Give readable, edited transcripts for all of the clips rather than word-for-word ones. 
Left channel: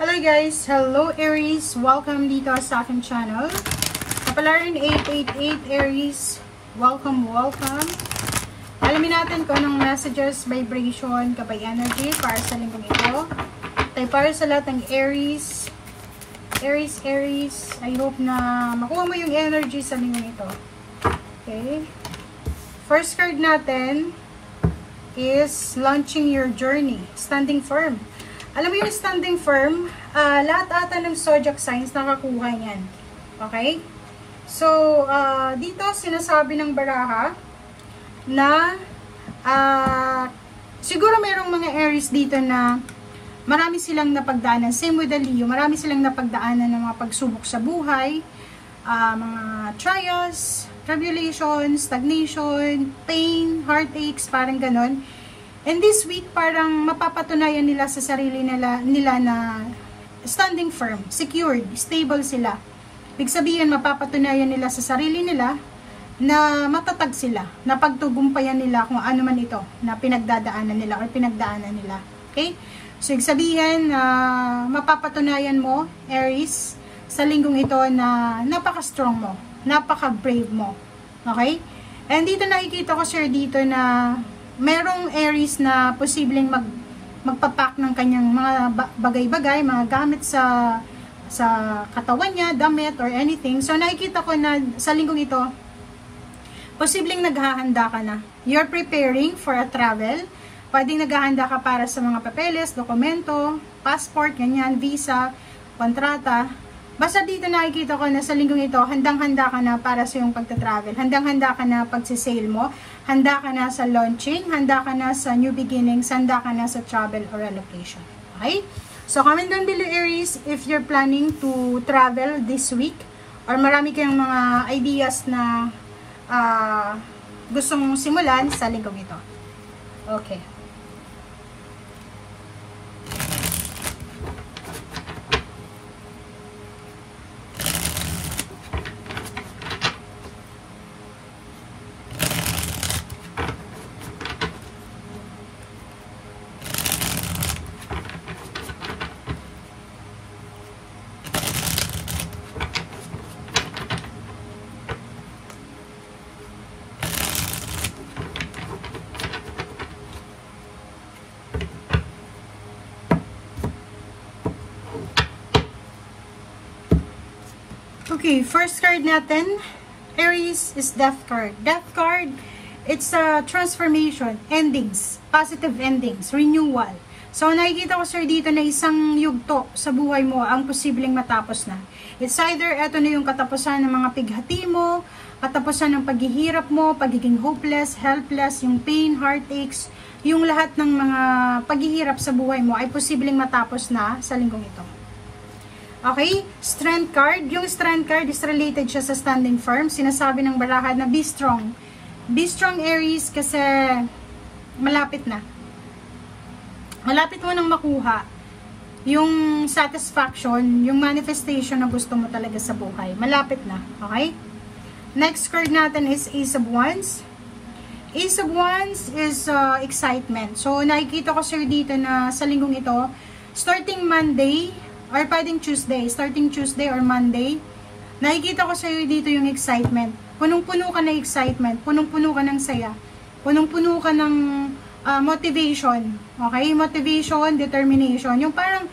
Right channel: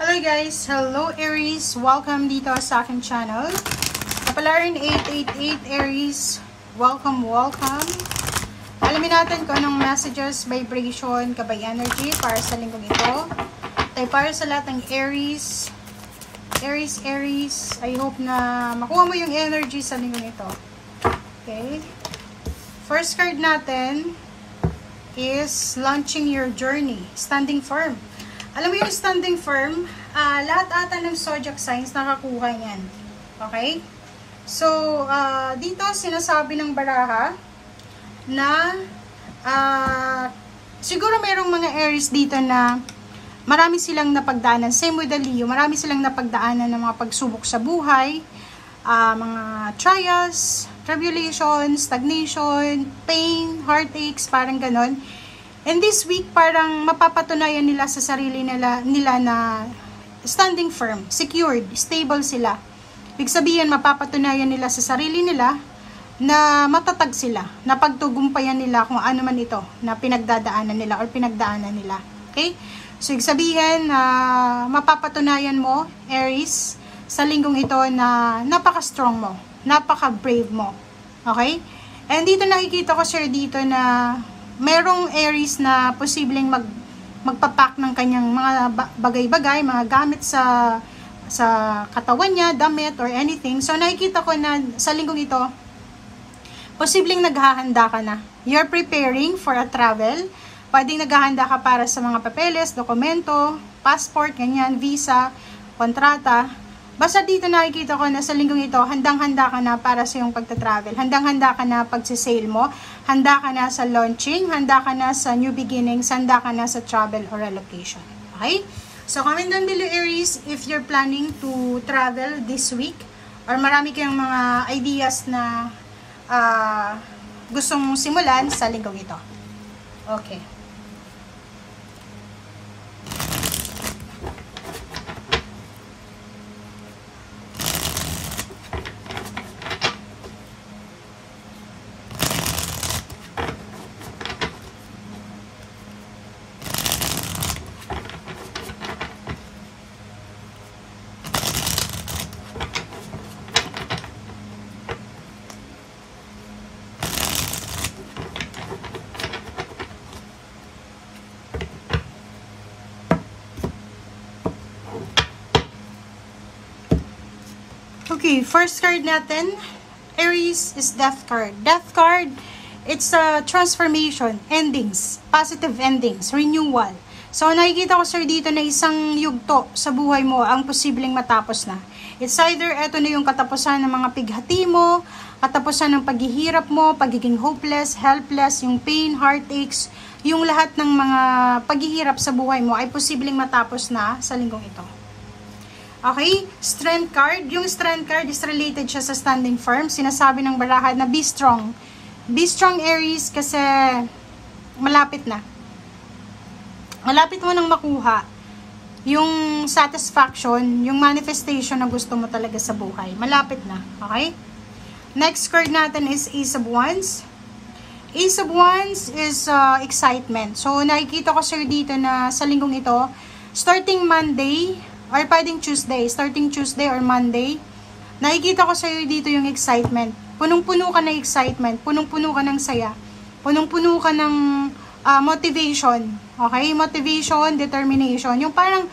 Hello guys! Hello Aries! Welcome dito sa aking channel. Kapalaran 888 Aries. Welcome! Alamin natin kung anong messages, vibration, kabay energy para sa linggong ito. Tayo para sa lahat ng Aries. Aries. I hope na makuha mo yung energy sa linggong ito. Okay. First card natin is launching your journey. Standing firm. Alam mo yung standing firm, lahat ata ng zodiac signs nakakuha yan. Okay? So, dito sinasabi ng baraha na siguro mayroong mga Aries dito na marami silang napagdaanan. Same with the Leo, marami silang napagdaanan ng mga pagsubok sa buhay, mga trials, tribulations, stagnation, pain, heartaches, parang ganon. And this week, parang mapapatunayan nila sa sarili nila na standing firm, secured, stable sila. Ibig sabihin, mapapatunayan nila sa sarili nila na matatag sila, na pagtugumpayan nila kung ano man ito na pinagdadaanan nila or pinagdaanan nila. Okay? So, ibig sabihin, mapapatunayan mo, Aries, sa linggong ito na napaka-strong mo, napaka-brave mo. Okay? And dito nakikita ko, sir, dito na merong Aries na posibleng magpapak ng kanyang mga bagay-bagay, mga gamit sa katawan niya, damit or anything. So nakikita ko na sa linggong ito, posibleng naghahanda ka na. You're preparing for a travel. Pwedeng naghahanda ka para sa mga papeles, dokumento, passport, ganyan, visa, kontrata. Basta dito nakikita ko na sa linggong ito, handang-handa ka na para sa iyong pagta-travel. Handang-handa ka na pag-sale mo. Handa ka na sa launching. Handa ka na sa new beginnings. Handa ka na sa travel or relocation. Okay? So, comment down below, Aries, if you're planning to travel this week. Or marami kayong mga ideas na gustong simulan sa linggong ito. Okay. Okay, first card natin, Aries, is Death card. Death card, it's a transformation, endings, positive endings, renewal. So, nakikita ko, sir, dito na isang yugto sa buhay mo ang posibleng matapos na. It's either, eto na yung katapusan ng mga pighati mo, katapusan ng paghihirap mo, pagiging hopeless, helpless, yung pain, heartaches, yung lahat ng mga paghihirap sa buhay mo ay posibleng matapos na sa linggong ito. Okay, strength card. Yung strength card is related siya sa standing firm. Sinasabi ng baraha na be strong. Be strong, Aries, kasi malapit na. Malapit mo nang makuha yung satisfaction, yung manifestation na gusto mo talaga sa buhay. Malapit na. Okay? Next card natin is Ace of Wands. Ace of Wands is excitement. So, nakikita ko, sir, dito na sa linggong ito, starting Monday, or pwedeng Tuesday, starting Tuesday or Monday, nakikita ko sa'yo dito yung excitement. Punong-puno ka ng excitement, punong-puno ka ng saya, punong-puno ka ng motivation. Okay? Motivation, determination. Yung parang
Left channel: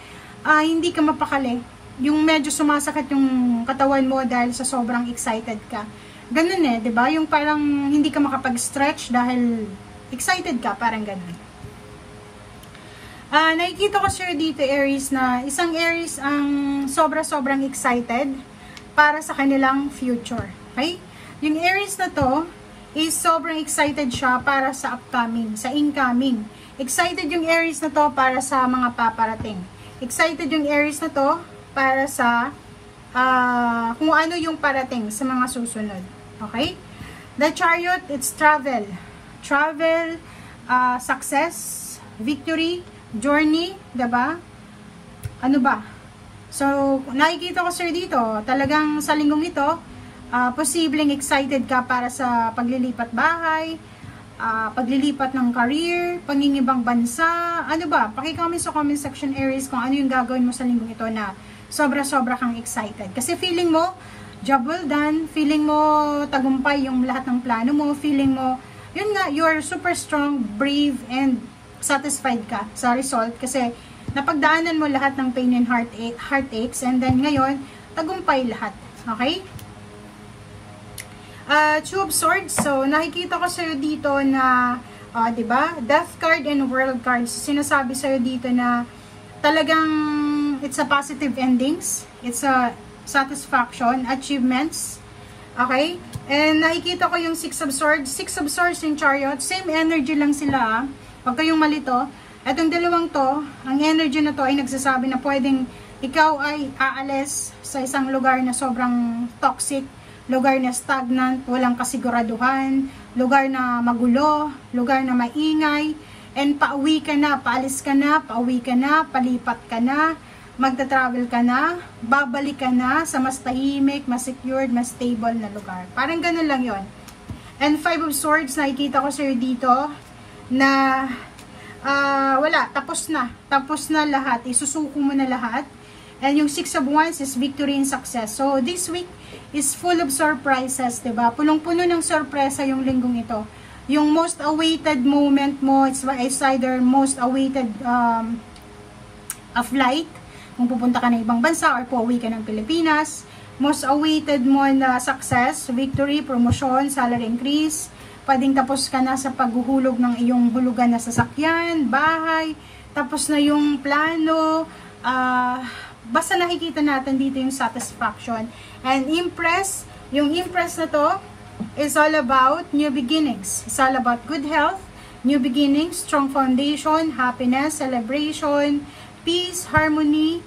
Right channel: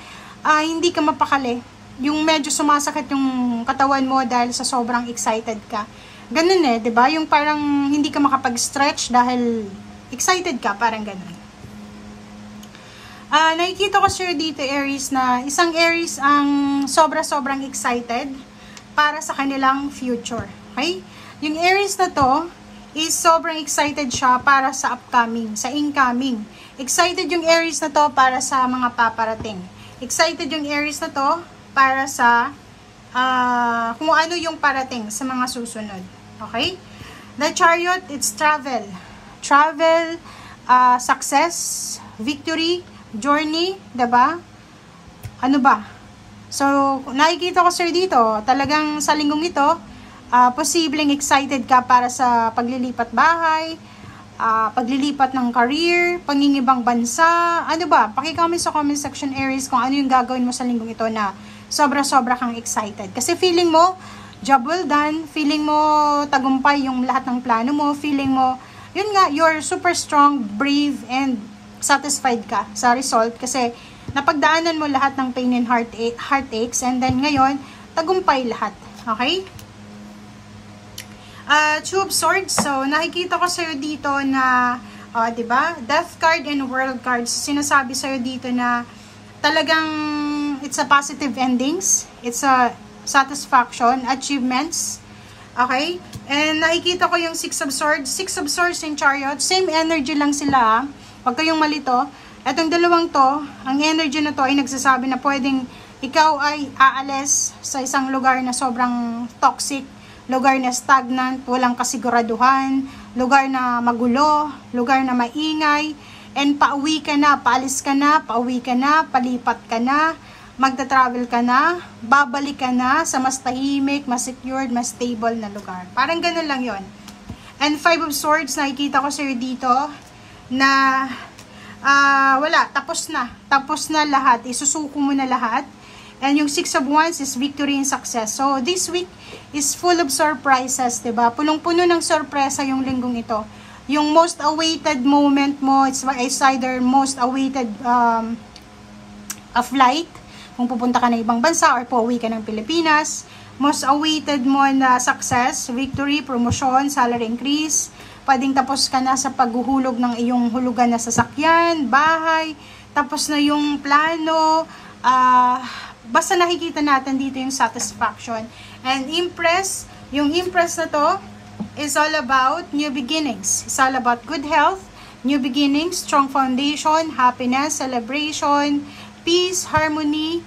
hindi ka mapakali. Yung medyo sumasakit yung katawan mo dahil sa sobrang excited ka. Ganun eh, 'di ba? Yung parang hindi ka makapag-stretch dahil excited ka, parang ganun. Nakikita ko, sir, dito, Aries, na isang Aries ang sobrang excited para sa kanilang future. Okay? Yung Aries na to is sobrang excited siya para sa upcoming, sa incoming. Excited yung Aries na to para sa mga paparating. Excited yung Aries na to para sa kung ano yung parating sa mga susunod. Okay? The Chariot, it's travel. Travel, success, victory, journey, diba? Ano ba? So, nakikita ko, sir, dito, talagang sa linggong ito, posibleng excited ka para sa paglilipat bahay, paglilipat ng career, pangingibang bansa, ano ba? Paki-comment sa comment section Aries kung ano yung gagawin mo sa linggong ito na sobra-sobra kang excited. Kasi feeling mo, job well done, feeling mo tagumpay yung lahat ng plano mo, feeling mo, yun nga, you're super strong, brave, and satisfied ka sa result kasi napagdaanan mo lahat ng pain and heartaches, and then ngayon, tagumpay lahat. Okay? Two of Swords. So, nakikita ko sa'yo dito na, diba? Death card and World cards. Sinasabi sa'yo dito na talagang it's a positive endings. It's a satisfaction, achievements. Okay? And nakikita ko yung Six of Swords. Six of Swords and Chariot. Same energy lang sila. Huwag kayong malito. Etong dalawang to, ang energy na to ay nagsasabi na pwedeng ikaw ay aalis sa isang lugar na sobrang toxic, lugar na stagnant, walang kasiguraduhan, lugar na magulo, lugar na maingay, and pauwi ka na, paalis ka na, pauwi ka na, palipat ka na, magta-travel ka na, babalik ka na sa mas tahimik, mas secured, mas stable na lugar. Parang ganun lang yon. And Five of Swords, nakikita ko sa'yo dito na wala, tapos na lahat, isusuko mo na lahat. And yung Six of Wands is victory and success. So, this week is full of surprises, diba? Punong-puno ng sorpresa yung linggong ito. Yung most awaited moment mo, it's either most awaited a flight, kung pupunta ka na ibang bansa or pauwi ka ng Pilipinas. Most awaited mo na success, victory, promotion, salary increase. Pwedeng tapos ka na sa paghuhulog ng iyong hulugan na sasakyan, bahay. Tapos na yung plano, basta nakikita natin dito yung satisfaction. And Empress, yung Empress na to is all about new beginnings. It's all about good health, new beginnings, strong foundation, happiness, celebration, peace, harmony,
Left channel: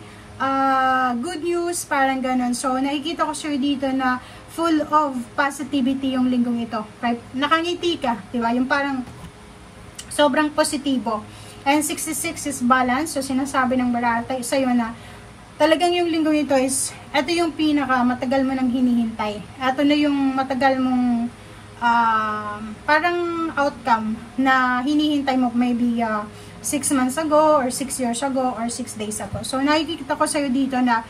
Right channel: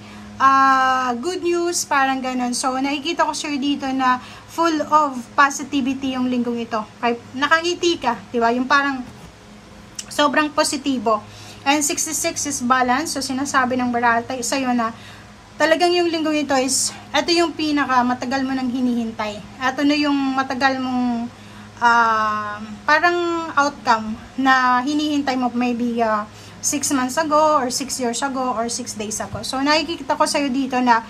good news, parang ganon. So, nakikita ko sure dito na full of positivity yung linggong ito. Okay? Nakangiti ka, diba? Yung parang sobrang positibo. And 66 is balance. So, sinasabi ng barata sa'yo na talagang yung linggong ito is, ito yung pinaka matagal mo nang hinihintay. Ito na yung matagal mong parang outcome na hinihintay mo maybe 6 months ago or 6 years ago or 6 days ago. So, nakikita ko sa'yo dito na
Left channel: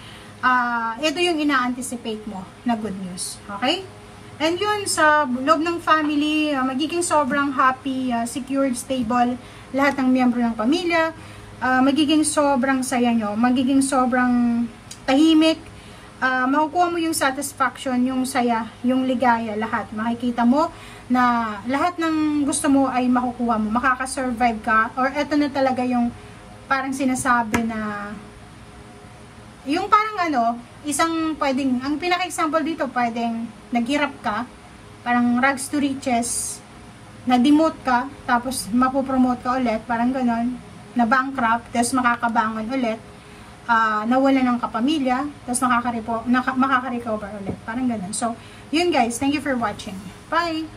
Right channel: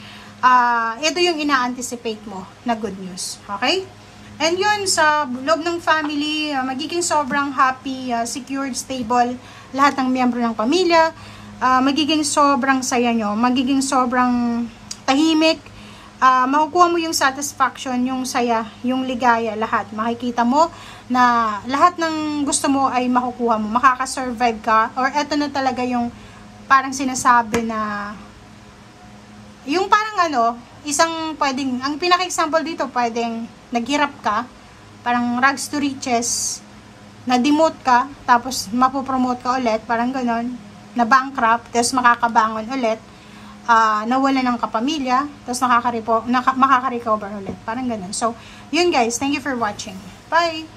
ito yung ina-anticipate mo na good news. Okay? And yun, sa loob ng family, magiging sobrang happy, secured, stable, lahat ng miyembro ng pamilya. Magiging sobrang saya nyo, magiging sobrang tahimik, makukuha mo yung satisfaction, yung saya, yung ligaya, lahat. Makikita mo na lahat ng gusto mo ay makukuha mo, makakasurvive ka, or eto na talaga yung parang sinasabi na, yung parang isang pwedeng, ang pinaka-example dito, pwedeng naghirap ka, parang rags to riches, na-demote ka, tapos mapopromote ka ulit, parang ganon, na bankrupt, tapos makakabangon ulit, nawala ng kapamilya, tapos makaka-recover ulit. Parang ganun. So, yun guys. Thank you for watching. Bye!